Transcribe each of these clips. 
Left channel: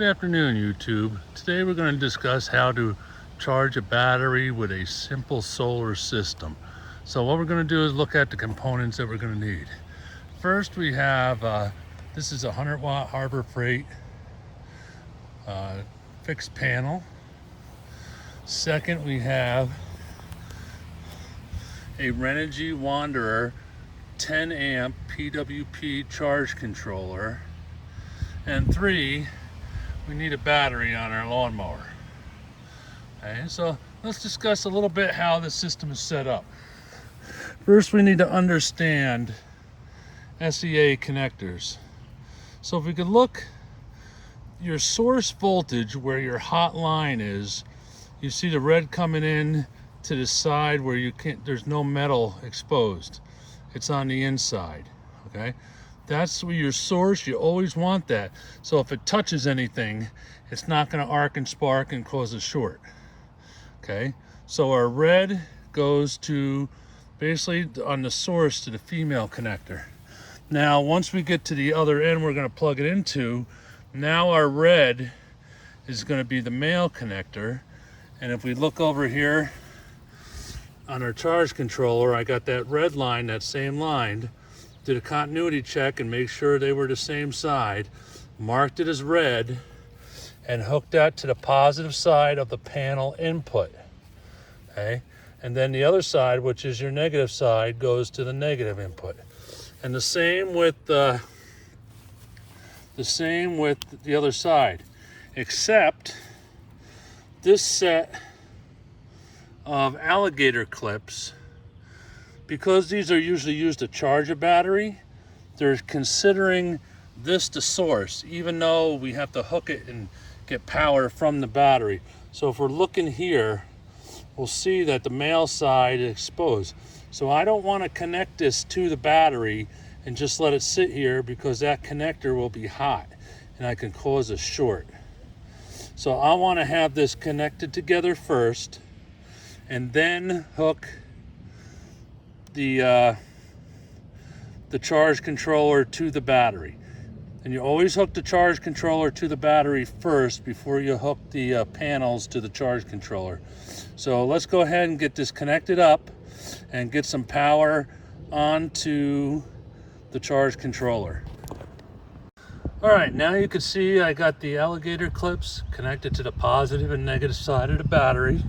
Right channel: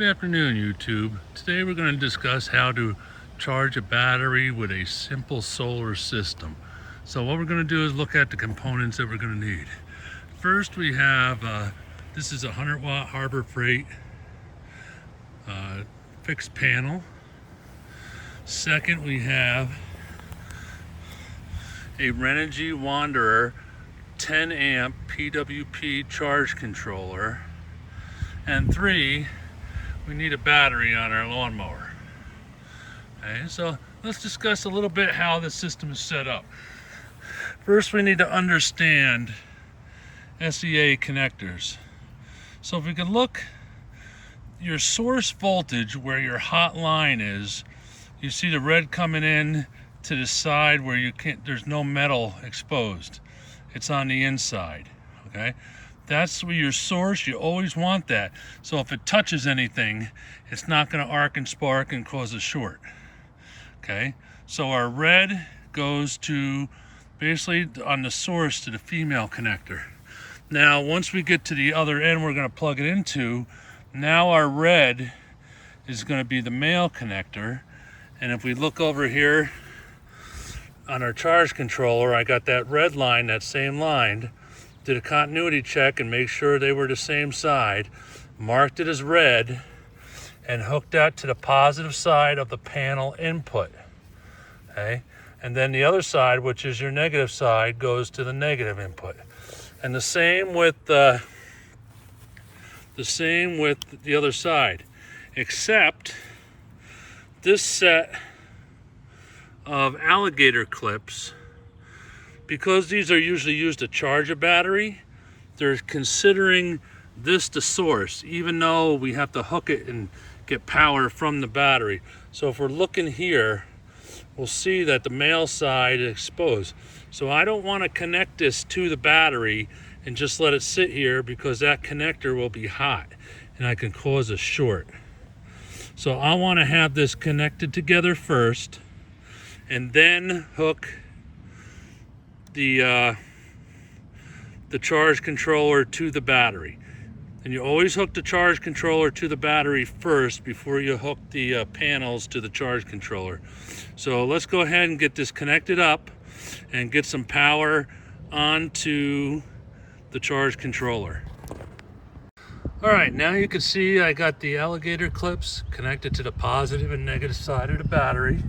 Good afternoon, YouTube. Today we're going to discuss how to charge a battery with a simple solar system. So what we're going to do is look at the components that we're going to need. First we have, this is a 100-watt Harbor Freight fixed panel. Second we have a Renogy Wanderer 10 amp PWP charge controller. And three, we need a battery on our lawnmower. Okay, so let's discuss a little bit how the system is set up. First, we need to understand SEA connectors. So if we can look, your source voltage where your hot line is, you see the red coming in to the side where you can't, there's no metal exposed. It's on the inside, okay? That's where your source, you always want that. So if it touches anything, it's not gonna arc and spark and cause a short, okay? So our red goes to basically on the source to the female connector. Now, once we get to the other end, we're gonna plug it into, now our red is gonna be the male connector. And if we look over here on our charge controller, I got that red line, that same line, did a continuity check and make sure they were the same side, marked it as red, and hooked that to the positive side of the panel input, okay? And then the other side, which is your negative side, goes to the negative input. And the same with the other side, except this set of alligator clips, because these are usually used to charge a battery, they're considering this the source, even though we have to hook it and get power from the battery. So if we're looking here, we'll see that the male side is exposed. So I don't want to connect this to the battery and just let it sit here, because that connector will be hot and I can cause a short. So I want to have this connected together first and then hook the charge controller to the battery. And you always hook the charge controller to the battery first before you hook the panels to the charge controller. So let's go ahead and get this connected up and get some power onto the charge controller. All right, now you can see I got the alligator clips connected to the positive and negative side of the battery,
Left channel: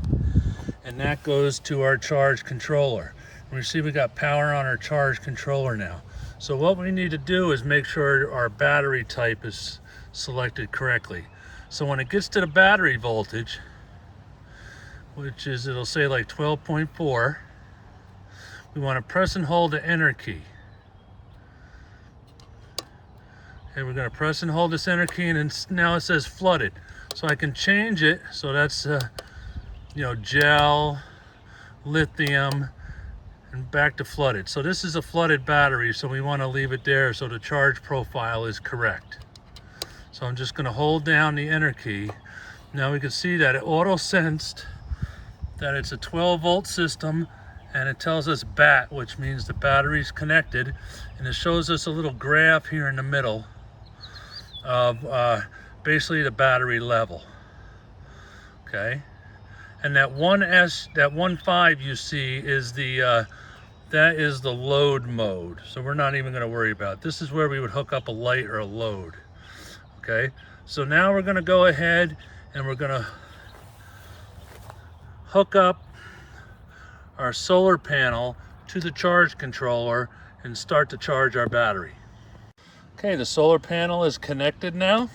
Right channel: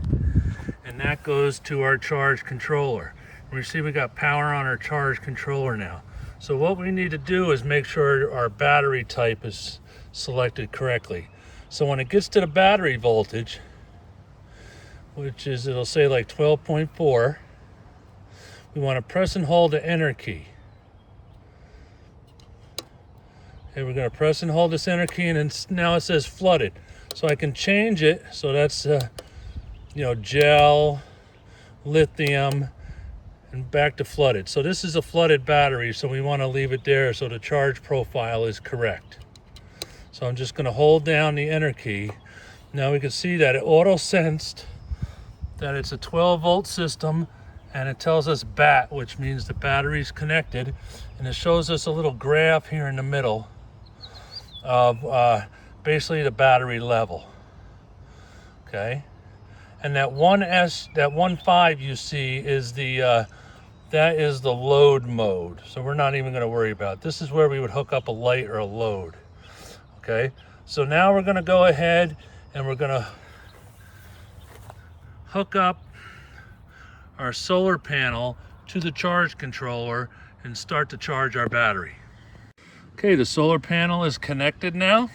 and that goes to our charge controller. We see we got power on our charge controller now. So what we need to do is make sure our battery type is selected correctly. So when it gets to the battery voltage, which is, it'll say like 12.4, we want to press and hold the enter key. Okay, we're going to press and hold this enter key, and now it says flooded. So I can change it, so that's gel, lithium, and back to flooded. So this is a flooded battery, so we want to leave it there so the charge profile is correct. So I'm just going to hold down the enter key. Now we can see that it auto sensed that it's a 12-volt system, and it tells us BAT, which means the battery's connected, and it shows us a little graph here in the middle of basically the battery level. Okay, and that 1.5 you see is that is the load mode, so we're not even going to worry about it. This is where we would hook up a light or a load. Okay, so now we're going to go ahead and we're going to hook up our solar panel to the charge controller and start to charge our battery. Okay, the solar panel is connected now.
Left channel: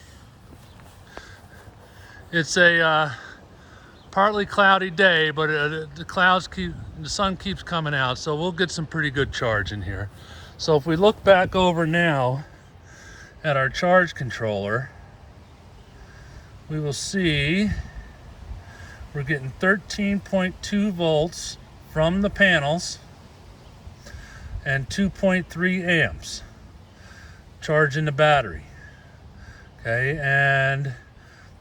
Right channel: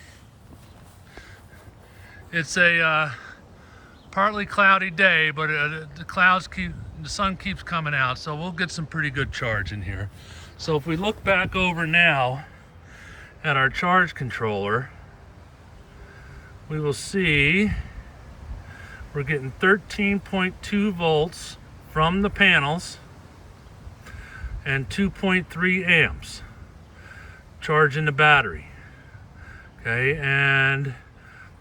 It's a partly cloudy day, but the sun keeps coming out, so we'll get some pretty good charge in here. So if we look back over now at our charge controller, we will see we're getting 13.2 volts from the panels and 2.3 amps charging the battery. Okay, and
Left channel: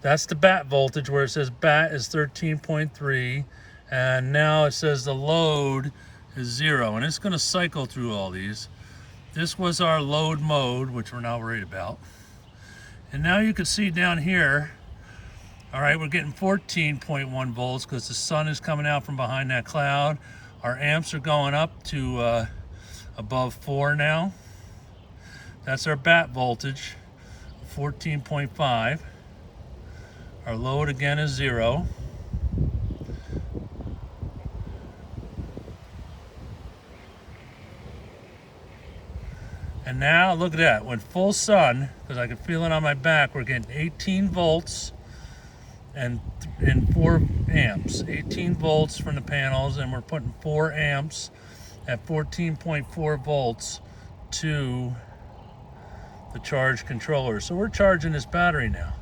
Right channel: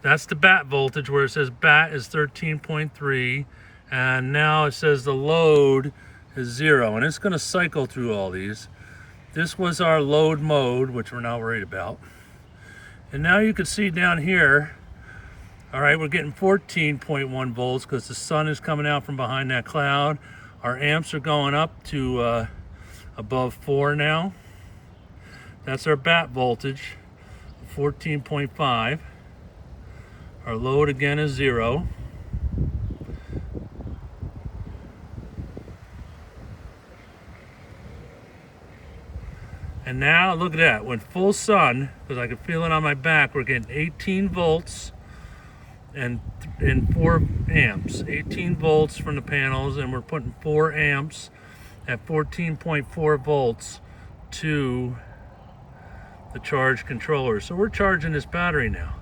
that's the BAT voltage, where it says BAT is 13.3, and now it says the load is 0, and it's going to cycle through all these. This was our load mode, which we're not worried about. And now you can see down here, all right, we're getting 14.1 volts because the sun is coming out from behind that cloud. Our amps are going up to above 4 now. That's our bat voltage, 14.5. Our load again is 0. And now look at that, with full sun, because I can feel it on my back, we're getting 18 volts and 4 amps. 18 volts from the panels, and we're putting 4 amps at 14.4 volts to the charge controller. So we're charging this battery now.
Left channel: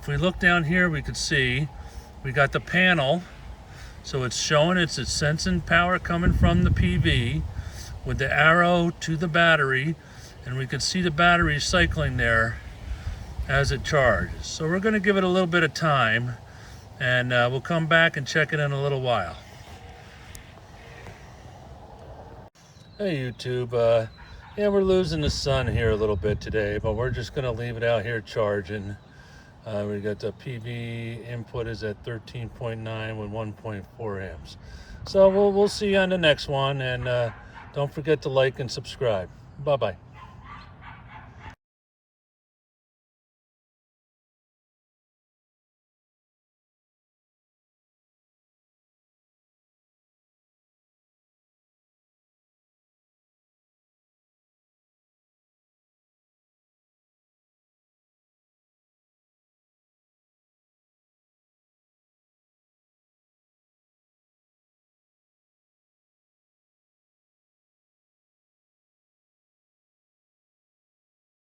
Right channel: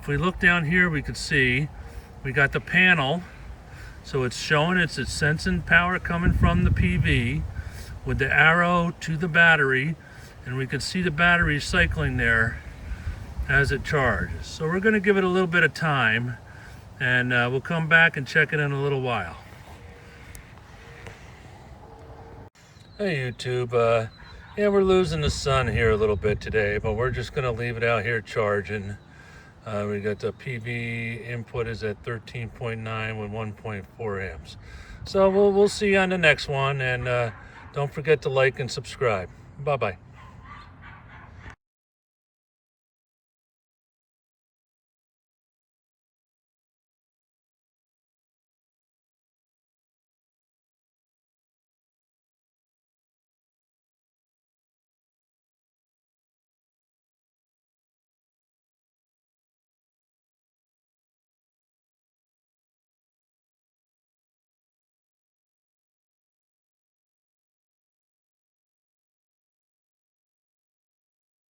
If we look down here, we can see we got the panel. So it's showing it's sensing power coming from the PV with the arrow to the battery, and we can see the battery cycling there as it charges. So we're going to give it a little bit of time, and we'll come back and check it in a little while. Hey YouTube, yeah, we're losing the sun here a little bit today, but we're just going to leave it out here charging. We got the PV input is at 13.9 with 1.4 amps. So we'll see you on the next one, and don't forget to like and subscribe. Bye-bye.